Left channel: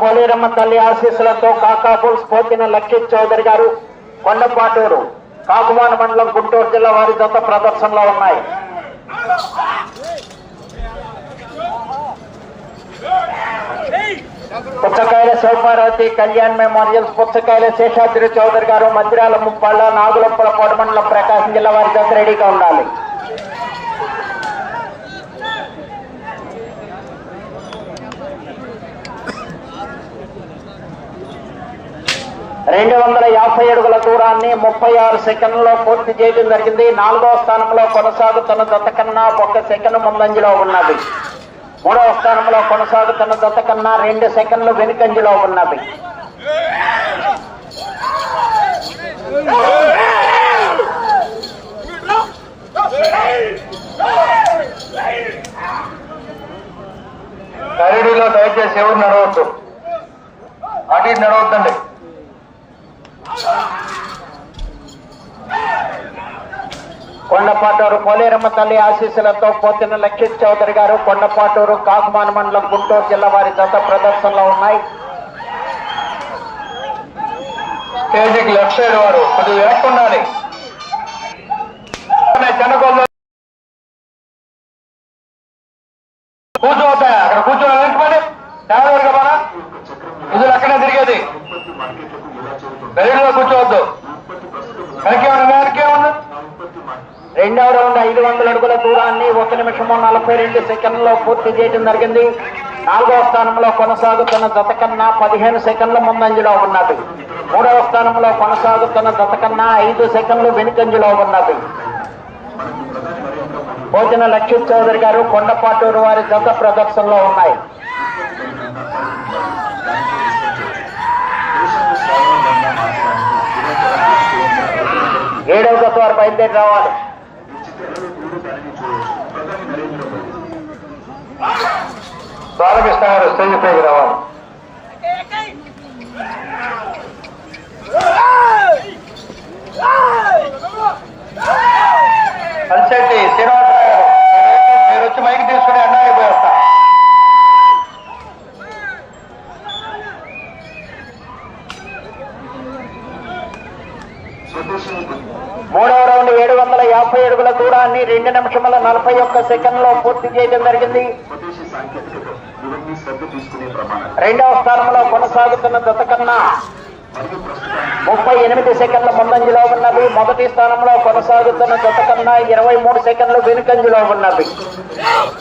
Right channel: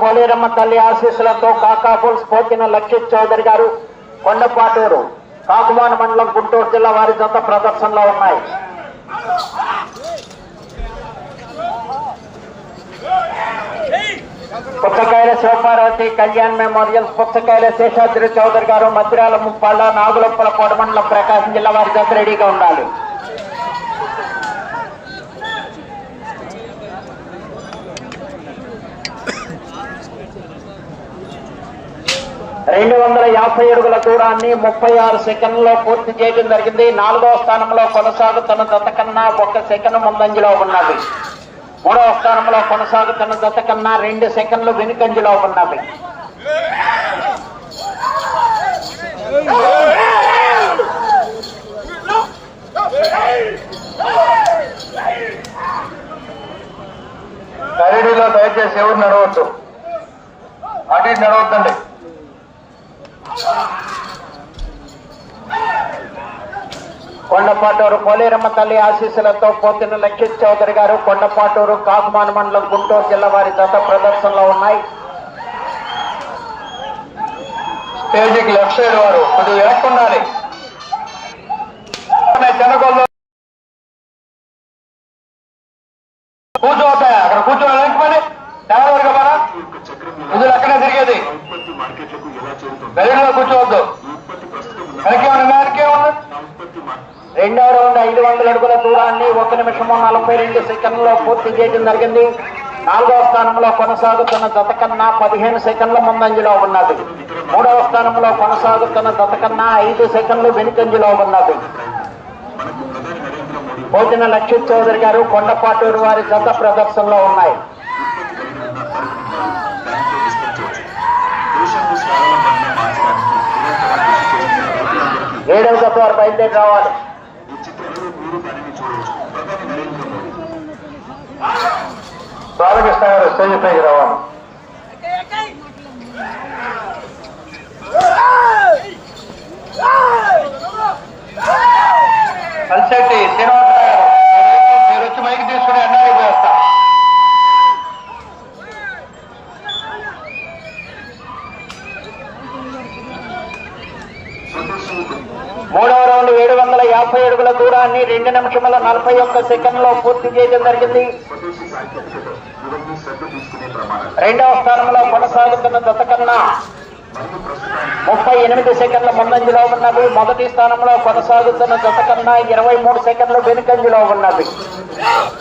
పోలేరమ్మ తల్లి ఆశీస్సులతో కాకాపుల్ స్పోతిన లక్షిత్ చౌదరి గారు కొండపాటూరు కాకుమాన మండలం గుంటూరు జిల్లా వారి జత ప్రదర్శనలో ఉన్నాయి. పుచ్చకాయల శివపార్వతి కళ్యాణ్ మెమోరియల్స్ పుచ్చకాయల శేషాద్రి చౌదరి గారు మధ్యరాల ముప్పాళ్ళ నాగులప్పల కోటమండలం ప్రకాశం జిల్లా వారి జత రెడీగా ఉండాలి. రెండు వందల యాభై అడుగుల దూరాన్ని ముప్పై ఆరు సెకండ్లో పూర్తి చేయడం జరిగింది. నాలుగవ స్థానంలో కొనసాగుతున్న జత కన్నా ఒక సెకండ్ ముందంజలో ఉన్నది. మూడవ స్థానంలో కొనసాగుతున్న జత కన్నా రెండు సెకండ్లు వెనుకంజలో ఉన్నది. కరీడీలో దయచేసి ఎవరు నడవద్దు. అటు నడవద్దండి. కొండపాటూరు పోలేరమ్మ తల్లి ఆశీస్సులతో పోతిన లక్ష్మీ చౌదరి గారు కొండపాటూరు కాకుమాన మండలం గుంటూరు జిల్లా వారి దశ ప్రదర్శనలో ఉన్నాయి. పేజీకి లెఫ్ట్ సైడ్ వారు కొద్దిగా వెనక్కి ఉండాలి. చెన్నకొల్లు కూర్చోవద్దా? అక్కడ కూర్చోవాలి వెనక్కి డ్రైవర్ కదా ఇది అక్కడే తిరిగేది రైలులో కూర్చోవద్దు వెనకేమన్నా రెండవ రౌండ్ ఐదు వందల అడుగుల దూరాన్ని ఒక నిమిషము నలభై రెండు సెకండ్లలో పూర్తి చేయడం జరిగింది. నాలుగవ స్థానంలో కొనసాగుతున్న జత కన్నా పదిహేను సెకండ్ల ముందంజలో ఉన్నది. మూడవ స్థానంలో కొనసాగుతున్న జత కన్నా ఐదు సెకండ్లు వెనుకంజలో ఉన్నది. భోజన లక్ష్మీ చౌదరి గారు కొండపాటూరు వారి జత ప్రదర్శనలో ఉన్నాయి. ఏడవ జత వారు బయలుదేరి రావాలి. బాలకృష్ణ గారు స్టేజ్ పైకి రావాలి కలిసెట్టి శ్రీనివాసరావు గారు మీరు వచ్చి మైక్ తీసుకుని అన్నాడు వస్తా మూడవ రౌండ్ ఏడు వందల యాభై అడుగుల రెండు నిమిషముల నలభై ఒక్క సెకండ్లో పూర్తి చేయడం జరిగింది. రెండవ స్థానంలో కొనసాగుతున్న దశ కన్నా ముప్పై ఎనిమిది సెకండ్ల ముందంజలో ఉన్నది. మొదటి స్థానంలో కొనసాగుతున్న దశ ఇరవై మూడు సెకండ్లు వెనుకంజలో ఉన్నది.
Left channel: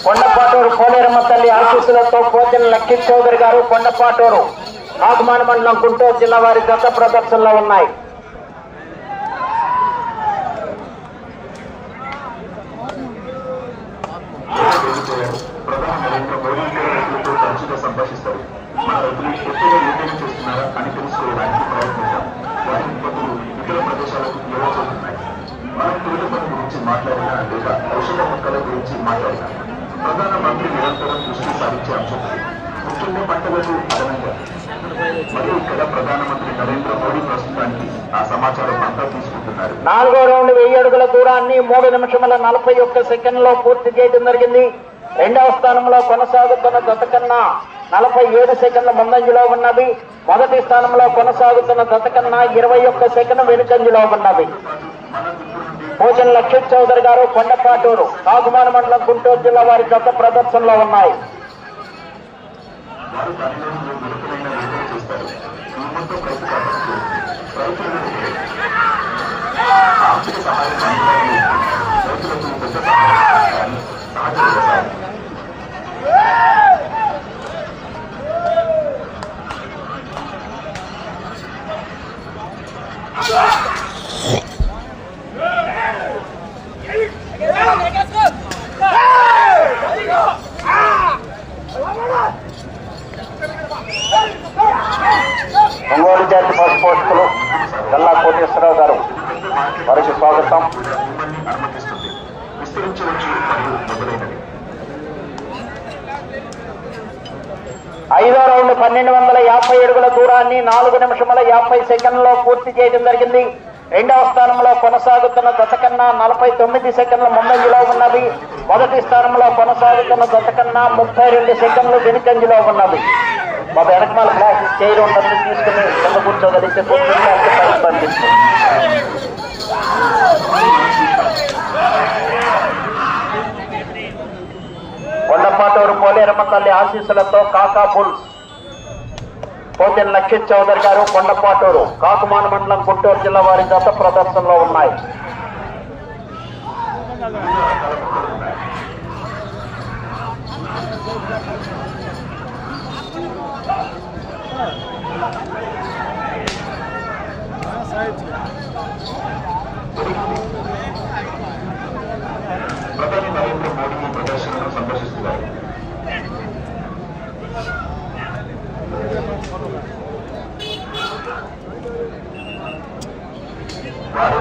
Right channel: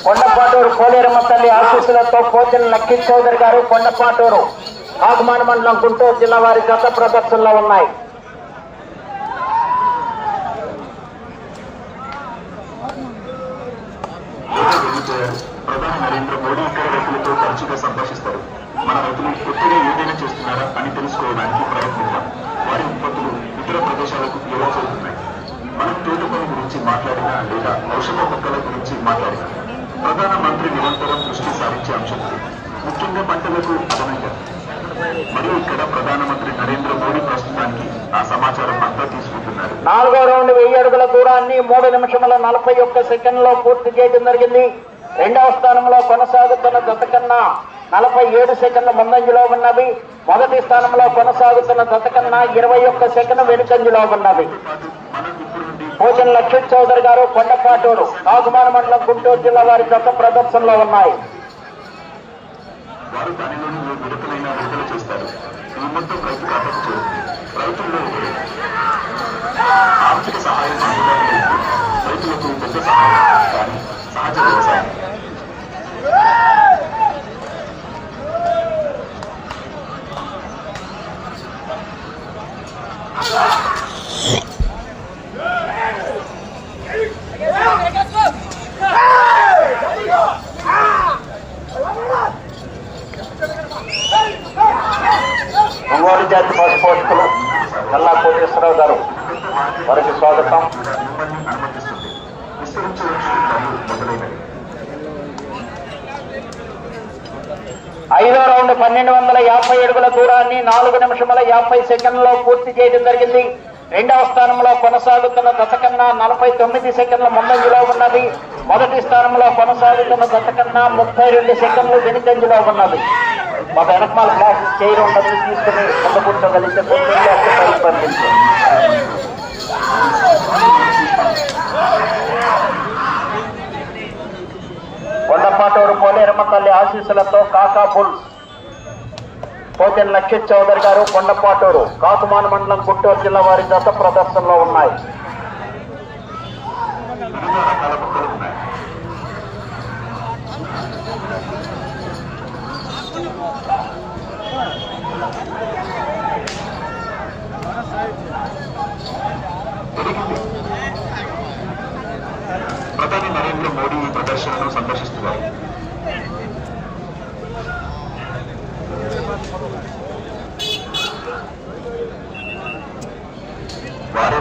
కొండపాటూరు కోలేరమ్మ తల్లి ఆశీస్సులతో కోతిన లక్కీ చౌదరి గారు కొండపాటూరు ఆగమాన మండలం గుంటూరు జిల్లా వారి గత ప్రదర్శనలో ఉన్నాయి. ప్రధాని నరేంద్ర మోడీ రైతులతో తరచుగా సంభాషిస్తారు మన రైతులు కొత్తగా ఏదైనా చేస్తున్నారా అని తెలుసుకోవడానికి వారి ఉత్పత్తులు ఇతర ప్రదేశాలకు ఎలా చేరుతున్నాయి గురించి మాట్లాడినా లేదా ఔషధ మొక్కల గురించి మాట్లాడినా ప్రధానమంత్రి నిరంతరం దృష్టి సారించే అంశం. ముఖ్యంగా పంటలకు అదనంగా మరియు ఇక్కడ ప్రధానమంత్రి నరేంద్ర మోడీ ప్రస్తుతానికి ఆ సమాచారం అంతా తీసుకుంటున్నారు నాలుగో రౌండ్ వెయ్యి అడుగుల దూరాన్ని మూడు నిమిషముల నలభై ఒక్క సెకండ్లో పూర్తి చేయడం జరిగింది. రెండవ స్థానంలో కొనసాగుతున్న జత కన్నా నలభై ఏడు సెకండ్ల ముందంజలో ఉన్నది మొదటి స్థానంలో కొనసాగుతున్న జత కన్నా ఇరవై ఒక్క సెకండ్ వెనుకంజలో ఉన్నది భోజన లక్ష్మణ్ చౌదరి గారు కొండపాటూరు నాగుమాన మండలం గుంటూరు జిల్లా వారి గత ప్రదర్శనలో ఉన్నాయి. వారు దానిలో విడతలైన విడుదల చేస్తారు. ఈ మొత్తం ఖర్చు రైతులు ఆర్థిక సహాయం రైతులకు పెద్ద సహాయం సహజ వ్యవసాయం ఒంగోలు జాతి పశుపోషకులు గల్లా కోటేశ్వరరావు గారు. వారికి స్వాగతం. ఐదో రౌండ్ పన్నెండు వందల యాభై అడుగుల దూరాన్ని నాలుగు నిమిషముల యాభై సెకండ్లో పూర్తి చేయడం జరిగింది. రెండవ స్థానంలో కొనసాగుతున్న దశ కన్నా నలభై తొమ్మిది సెకండ్ల ముందంజలో ఉన్నది. మొదటి స్థానంలో కొనసాగుతున్న దశ కన్నా ముప్పై రెండు సెకండ్లు వెనుకంజలో ఉన్నది. మా వెనకమాల బ్లాక్ చేయడం ఉండదు తీసుకుని కూర్చోగలిగితే కొండపాటూరు పోలేరమ్మ తల్లి ఆశీస్సులతో కాకా బుల్స్ పోతెన్ లక్ష్మీ చౌదరి గారు కొండపాటూరు కాకుమాన మండలం గుంటూరు జిల్లా వారి జత ప్రదర్శనలో ఉన్నాయి. ప్రధాని నరేంద్ర మోడీ ఈ ప్రదర్శనను సందర్శిస్తున్నారు వారు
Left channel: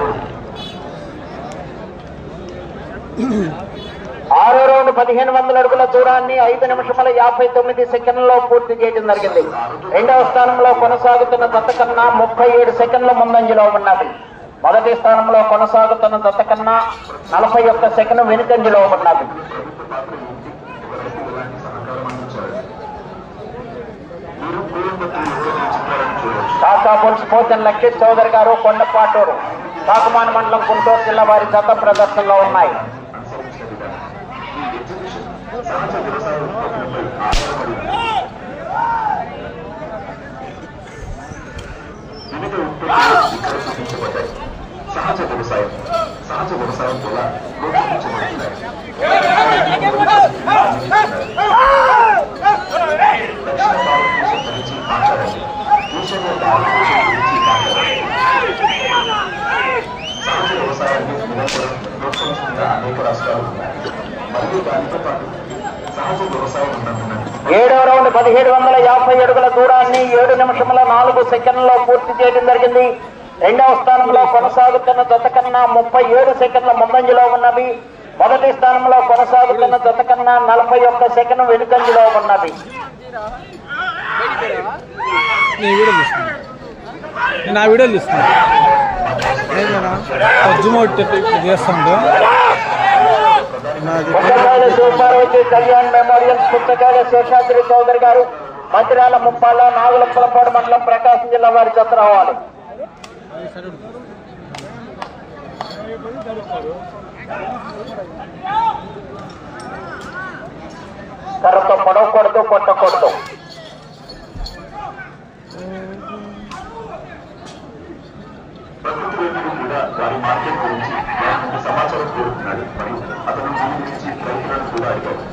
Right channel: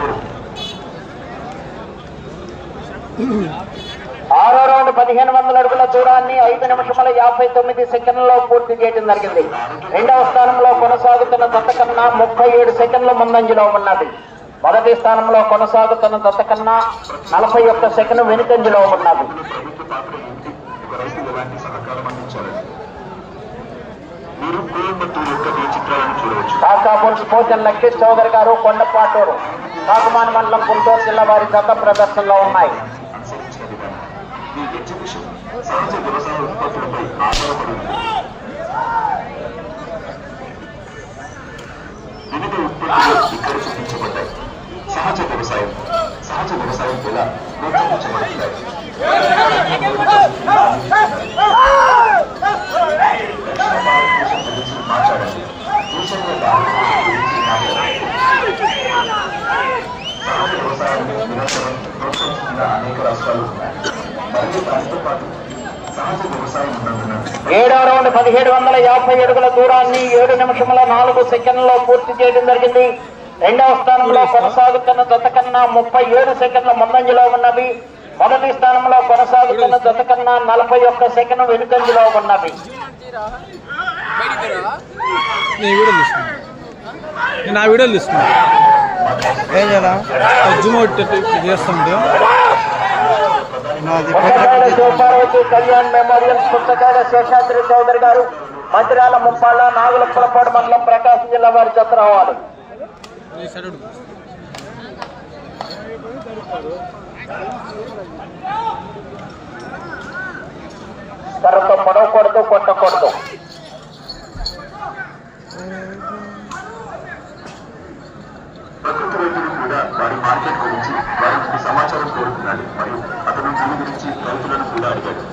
ఆరో రౌండ్ పదిహేను వందల అడుగుల దూరాన్ని ఐదు నిమిషముల యాభై తొమ్మిది సెకండ్లలో పూర్తి చేయడం జరిగింది. రెండవ స్థానంలో కొనసాగుతున్న దత్త కన్నా ముప్పై ఏడు సెకండ్ల ముందంజలో ఉన్నది. మొదటి స్థానంలో కొనసాగుతున్న దత్త కన్నా నలభై ఒక్క సెకండ్ వెనుకంజలో ఉన్నది. ప్రభుత్వ పాత్ర కాకా పోచన్ చౌదరి గారు కొండపాటూరు కాకుమాన్ మండలం గుంటూరు జిల్లా వారి జత ప్రదర్శనలో ఉన్నాయి. సహజ వ్యవసాయ ఉత్పత్తులపై ఆధారపడి వివిధ ఉత్పత్తులు ఇక్కడ చూపించబడ్డాయి సహజ వ్యవసాయం సహజ వ్యవసాయం ప్రోత్సహించబడుతున్నారు దక్షిణ భారతదేశం గురించి మాట్లాడాలి దేశంలో భారతదేశం గురించి మాట్లాడాలి సహజ వ్యవసాయాన్ని ప్రోత్సహిస్తున్న అనేక రాష్ట్రాలు ఉన్నాయి మరియు దానితో పాటు ఏడో రౌండ్ పదిహేడు వందల యాభై అడుగుల దూరాన్ని ఏడు నిమిషముల నాలుగు సెకండ్లలో పూర్తి చేయడం జరిగింది. రెండవ స్థానంలో కొనసాగుతున్న జత కన్నా ముప్పై ఏడు సెకండ్ల ముందంజలో ఉన్నవి. మొదటి స్థానంలో కొనసాగుతున్న జత కన్నా నలభై ఒక్క సెకండ్ వెనుకంజలో ఉన్నవి. నా వీడియోలు తీస్తున్నా ఏదైనా? సూపారెడ్డి కళ్యాణ్ మెమోరియల్ పుస్తకాల శేషాద్రి చౌదరి గారు మంత్రాల ముప్పాళ్ళ నాగులప్పలపాడు మండలం ప్రకాశం జిల్లా వారి జత రావాలి కర్రతో పొడవకూడదు కొట్టకూడదు రైతులు సమాచారం కోరుతున్నాడు మరియు అతను సంబంధించి ప్రభుత్వాన్ని కూడా అడిగాడు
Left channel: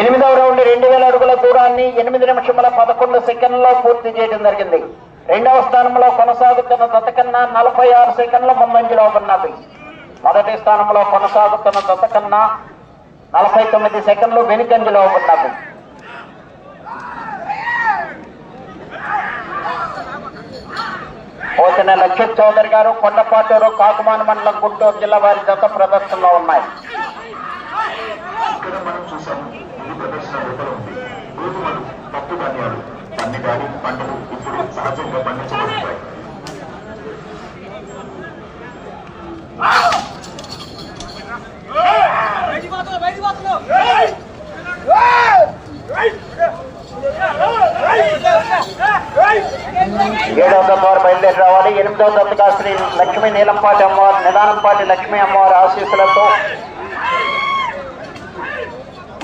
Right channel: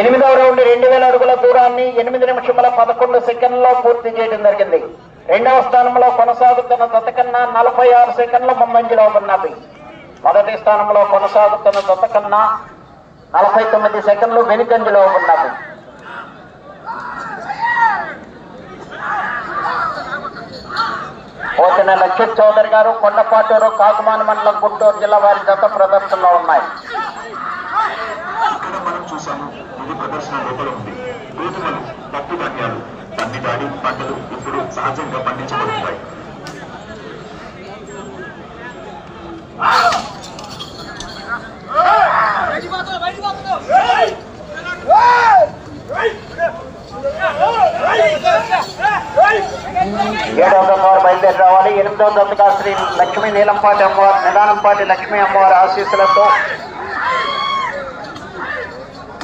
ఎనిమిదవ రౌండ్ రెండు వేల అడుగుల దూరాన్ని ఎనిమిది నిమిషముల పదకొండు సెకండ్లలో పూర్తి చేయడం జరిగింది. రెండవ స్థానంలో కొనసాగుతున్న జత కన్నా నలభై ఆరు సెకండ్ల ముందంజలో ఉన్నది. మొదటి స్థానంలో కొనసాగుతున్న జత కన్నా నలభై తొమ్మిది సెకండ్లు వెనుకంజలో ఉన్నది. పోచిన లక్షిత్ చౌదరి గారు కొండపాటూరు కాకుమాన మండలం గుంటూరు జిల్లా వారి జత ప్రదర్శనలో ఉన్నాయి. ఇక్కడ ప్రదర్శన లోపల ఉంది రైతులకు పప్పు ధాన్యాలు అన్ని దాడి పంటలు ఇప్పుడు సహజంగా పండించబడుతున్నాయి ఏడవ వారు బయలుదేరి రావాలి శ్రీ లక్ష్మీ నీలంపాటి అమ్మవారు నిదానంపాటి లక్ష్మీ అమ్మవారి ఆశీస్సులతో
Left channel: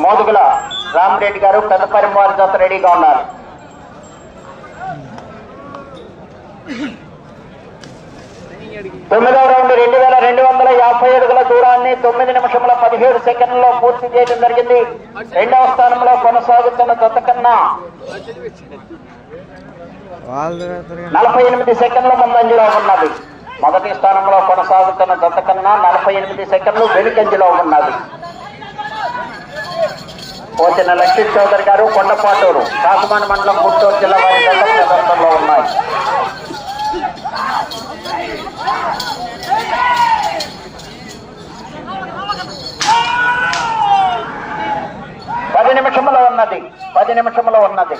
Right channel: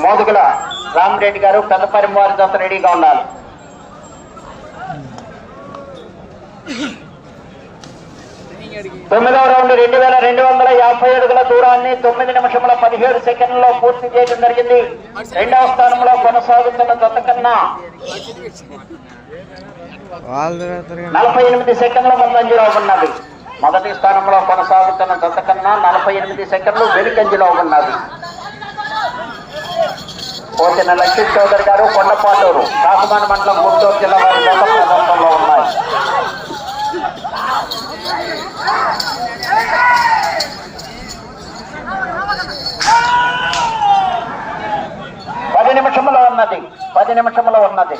మోదుగుల రామిరెడ్డి గారు పెద్దపరి వారి దశ రెడీగా ఉన్నారు. తొమ్మిదవ రౌండ్ రెండు వేల రెండు వందల యాభై అడుగుల దూరాన్ని తొమ్మిది నిమిషముల పదిహేడు సెకండ్లలో పూర్తి చేయడం జరిగింది. రెండవ స్థానంలో కొనసాగుతున్న జత కన్నా నలభై ఎనిమిది సెకండ్ల ముందంజలో ఉన్నది. మొదటి స్థానంలో కొనసాగుతున్న జత కన్నా నలభై ఎనిమిది సెకండ్లు వెనుకంజలో ఉన్నది. పోతిన లక్ష్మీ చౌదరి గారు కొండపాటూరు కాకుమాన మండలం గుంటూరు జిల్లా వారి ఉన్నాయి పది నిమిషంలో ఉన్నది పది నిమిషంలో ఉన్నది.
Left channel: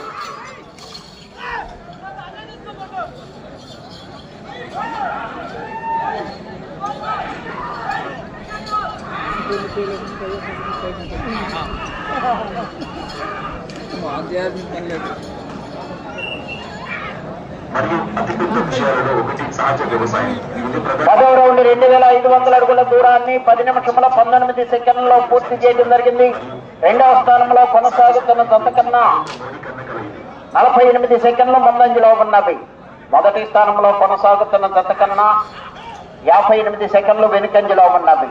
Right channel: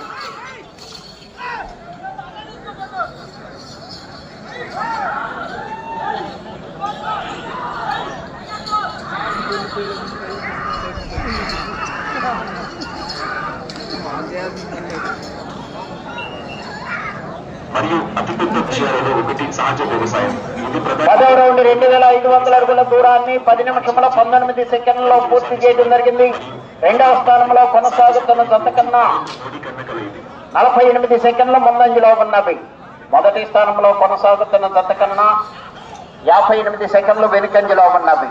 మరియు అతిపెద్ద విషయాలలో ఒకటి సహజ వ్యవసాయం. పదవ రౌండ్ రెండు వేల ఐదు వందల అడుగుల దూరాన్ని పది నిమిషముల పంతొమ్మిది సెకండ్లలో పూర్తి చేయడం జరిగింది. రెండవ స్థానంలో కొనసాగుతున్న జత కన్నా ధృవీకరణ కలిగింది. నలభై ఎనిమిది సెకండ్ల ముందంజలో ఉన్నవి. మొదటి స్థానంలో కొనసాగుతున్న జత కన్నా యాభై ఎనిమిది సెకండ్లు వెనుకంజలో ఉన్నవి.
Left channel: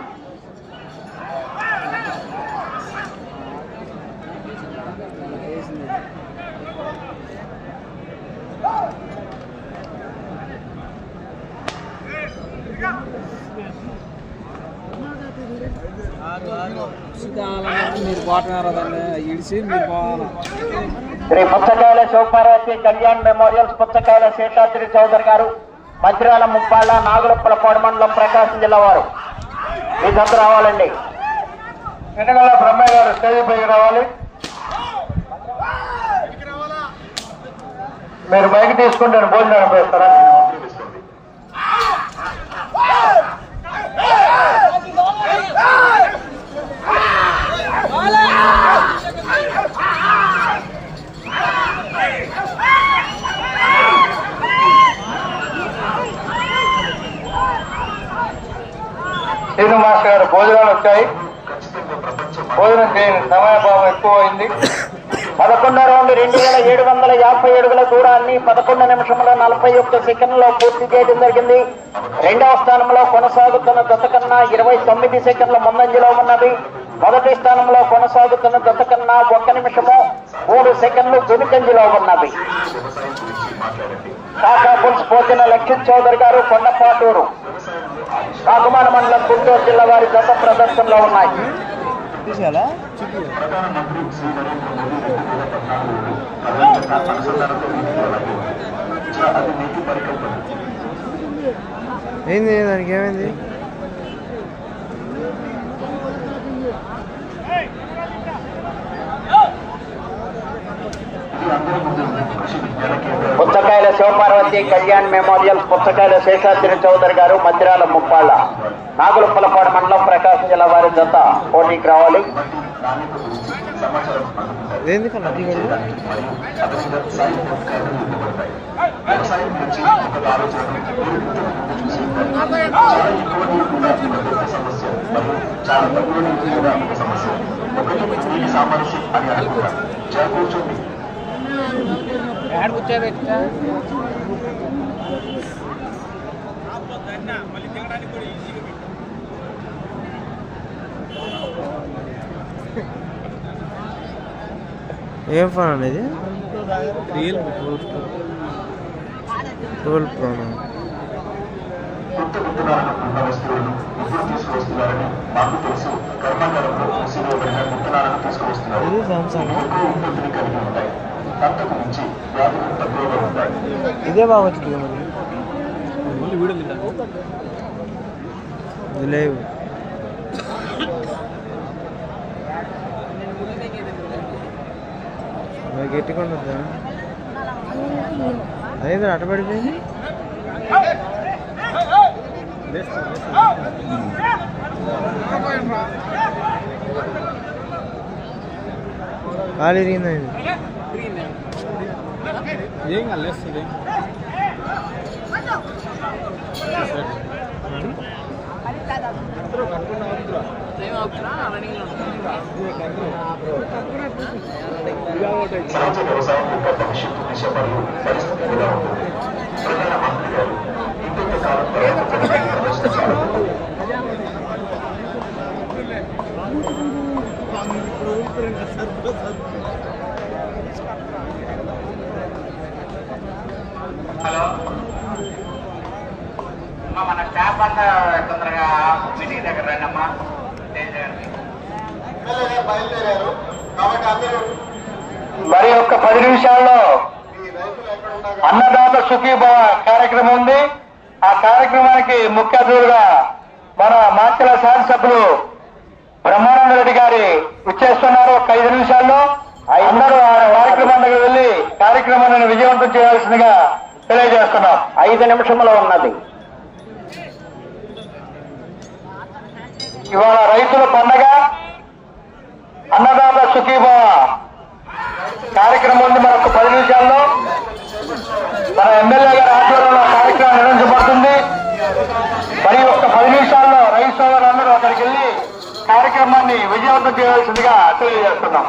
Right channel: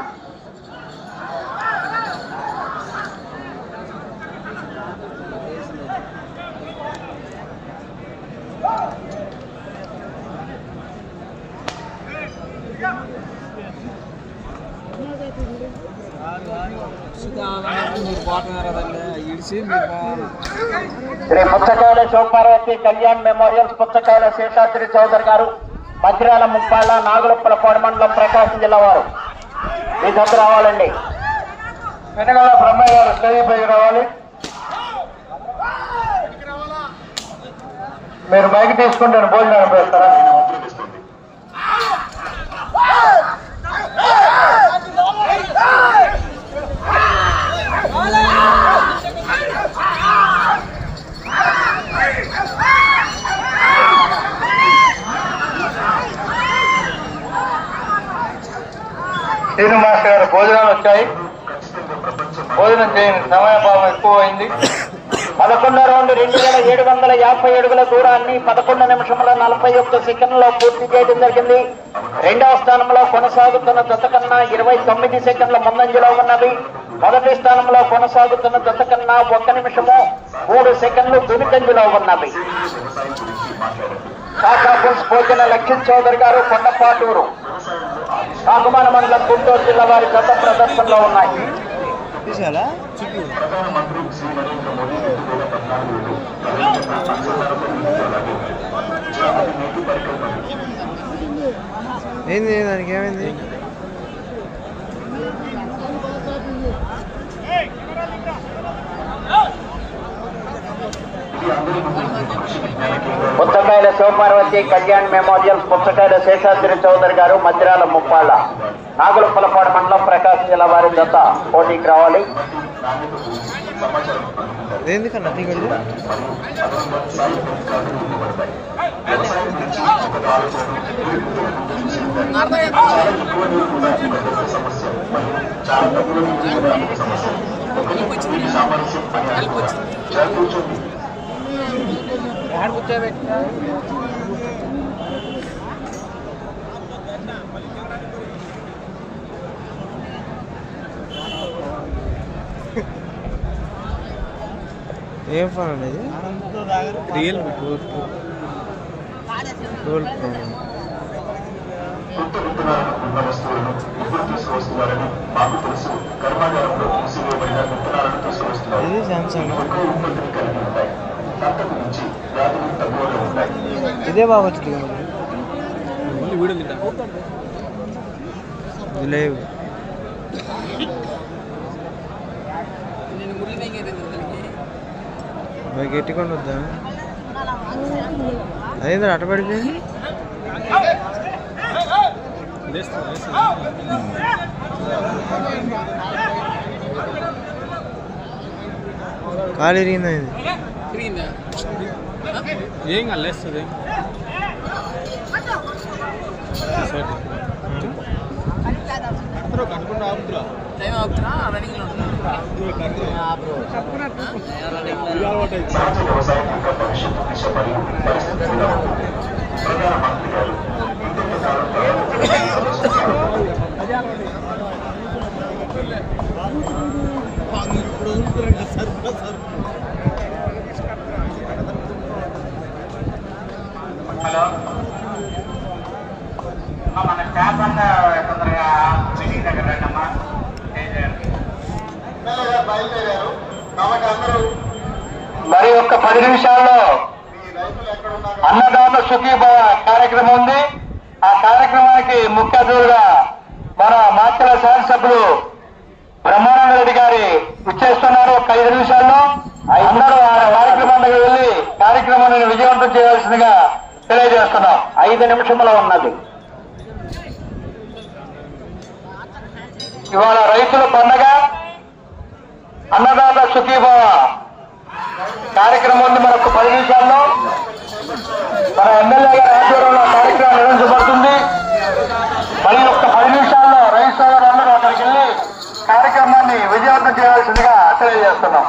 శ్రీ పుచ్చకాయల శివపార్వతి కళ్యాణ్ మెమోరియల్స్ పుచ్చకాయల శేషాద్రి చౌదరి గారు మంచిర్యాల ముప్పాళ్ళ నాగులప్పలపాడు మండలం ప్రకాశం జిల్లా వారు. మీ దగ్గర రావాలండి. వెనకాల బ్రహ్మయ్య గారు స్టేజ్ పైకి రావాలి. మీరు బైక్ తీసుకుంటాను భోజనం చేస్తారా సమయభావం ఎక్కువ రౌండ్ రెండు వేల ఏడు వందల యాభై అడుగుల దూరాన్ని పదకొండు నిమిషముల నలభై ఒక్క సెకండ్లో పూర్తి చేయడం జరిగింది. రెండవ స్థానంలో కొనసాగుతున్న జత కన్నా ఇరవై తొమ్మిది సెకండ్ల ముందంజలో ఉన్నవి మొదటి స్థానంలో కొనసాగుతున్న జత కన్నా ఒక్క నిమిషము మూడు సెకండ్లు వెనుకంజలో ఉన్నవి వ్యవసాయం గురించి కాకాపుల్స్ భోజన చౌదరి గారు కొండపాటూరు. కాకుమాన మండలం గుంటూరు జిల్లా వారి జత ప్రదర్శనలో ఉన్నాయి. పరికల్పన. ఏంది దానికి ఏమైంది? పుచ్చకాయల శివపార్వతి కళ్యాణ్ మెమోరియల్ పుచ్చకాయల శేషాద్రి చౌదరి గారు మధ్యరాల ముప్పాళ్ళ నాగులపలపాడు మండలం ప్రకాశం జిల్లా వారి జత పోటీకి రావాలి. చాలా నీరు కూడా ఒక సమస్య మరియు చాలా తక్కువ నీరు కూడా ఒక సమస్య ఒకటి నీటి సామరస్యం అని జర కూర్చోండి ఏం ఫోన్ అనేది Realme twelve pro twelve pro కొత్త విత్తనాలను ఉన్న వస్తువులను ఎప్పుడు తీసుకువస్తున్నారని మాకు తెలుసు కర్మాగారంలో మూసివేయబడిన విత్తనాలను తీసుకువస్తున్నారు ఇది సామ్సంగ్ ఎక్కువ ఉత్పత్తిని కలిగి ఉంటాయి. అంతకు మించి వ్యాధులు తక్కువగా ఉంటాయి ఇదే బాగా వచ్చింది కదా మరి. ఓన్లీ వీడియో లేవు మరి గట్టికుండా వద్దా అదేంద్ర అట్ట పడిపోయింది? కాలు ఇరిగిందా ఇది? ఏం కాదు భవిష్యత్తు దిశ మరియు పరిస్థితి ఎలా ఉంటుంది ప్రధాన మంత్రి గారు ఇంకొక కాలం తర్వాత ప్రజలను సందర్శించారు మన స్టాఫ్ అంతా తొందరగా మీటింగ్ దగ్గర రండమ్మా బయలుదేరారు కాబట్టి అందరూ మరి ఒక్క పది నిమిషాల్లో అన్నదాత సుఖీభావ కార్యక్రమం ఉంది ఆ కార్యక్రమానికి అతిథులుగా మన మాచల శాసనసభ్యులు బ్రహ్మానంద రెడ్డి గారి ఇచ్చేస్తున్నారు ఒక ఐదు నిమిషాల్లో అందరూ ఆ కార్యక్రమం దగ్గర వెళ్ళి కార్యక్రమాన్ని విజయవంతం చేయాల్సిందిగా తెలియజేస్తున్నాం. ఐదు నిమిషముల ఉన్నది. ఇవాళ రైతుల పండగ అన్నదాత సుఖీభావ కార్యక్రమం ఉంది. మరొక పది నిమిషాల్లో మన ఎమ్మెల్యే ఆధ్వర్యంలో కార్యక్రమం నిర్వహించబడుతుంది. మరి ఒక్క పది నిమిషాల్లో రైతు సోదరులందరూ అక్కడికి వెళ్ళి కార్యక్రమాన్ని విజయవంతం చేయాల్సిందిగా తెలియజేస్తున్నాం.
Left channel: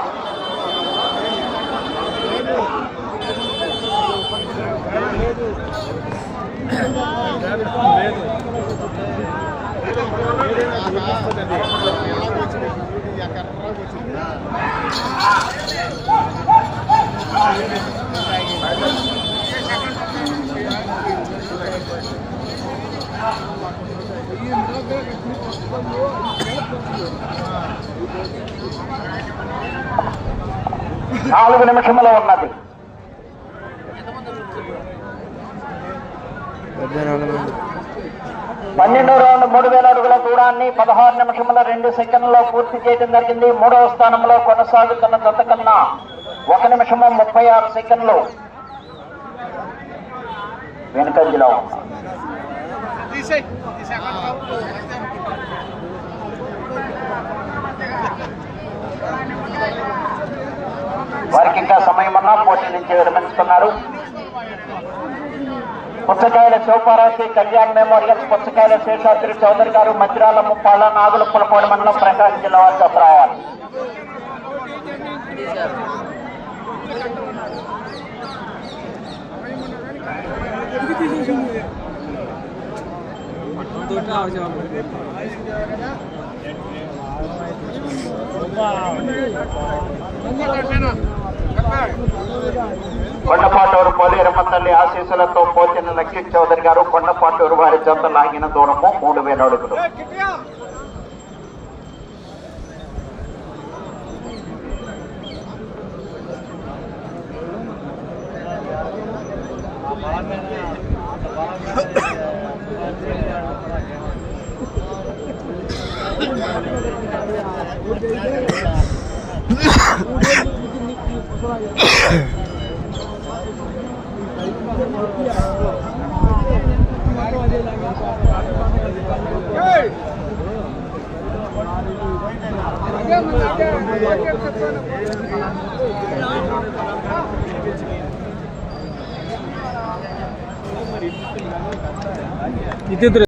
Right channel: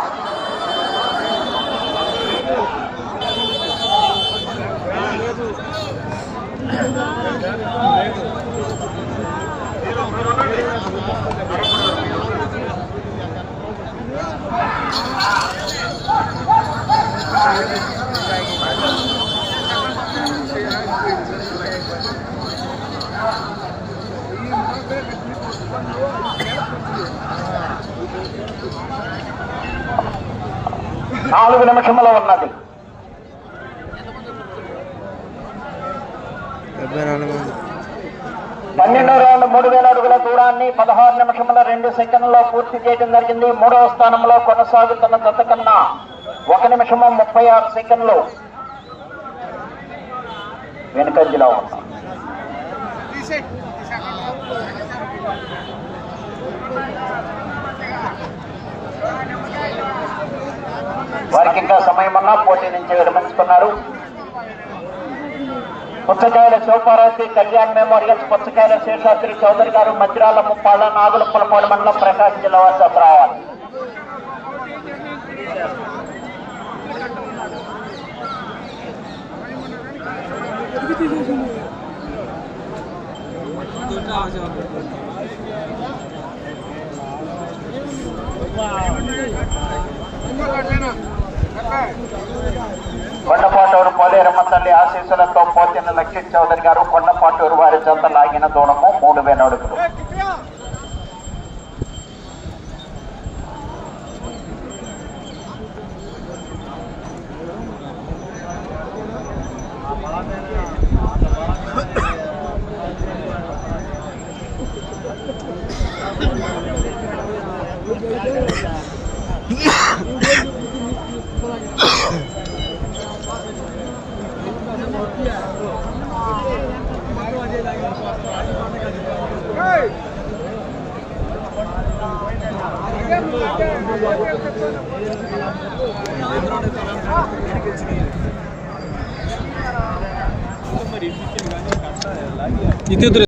నాలుగు నిమిషముల ఉన్నది. పన్నెండో రౌండ్ మూడు వేల అడుగుల దూరాన్ని పదహారు నిమిషముల రెండు సెకండ్లలో పూర్తి చేయడం జరిగింది. మూడవ స్థానంలో కొనసాగుతున్న దత్త కన్నా ఒక నిమిషము ముప్పై ఆరు సెకండ్లు వెనుకంజలో ఉన్నా వారికి ఇంకా సమయం ఉన్నా పోటీ నుంచి విరమించుకున్నారు. పుచ్చకాయల శివపార్వతి కళ్యాణ్ మెమోరియల్స్ పుచ్చకాయల శేషాద్రి చౌదరి గారు మధ్యరాల ముప్పాళ్ళ నాగుల పులపాడు మండలం ప్రకాశం జిల్లా వారి జత రావాలి కొండపాటూరు పోలేరమ్మ తల్లి ఆశీస్సులతో పోతిన లక్ష్మీ చౌదరి గారు కొండపాటూరు వారి జత లాగిన దూరము మూడు వేల అడుగులు. itu terus.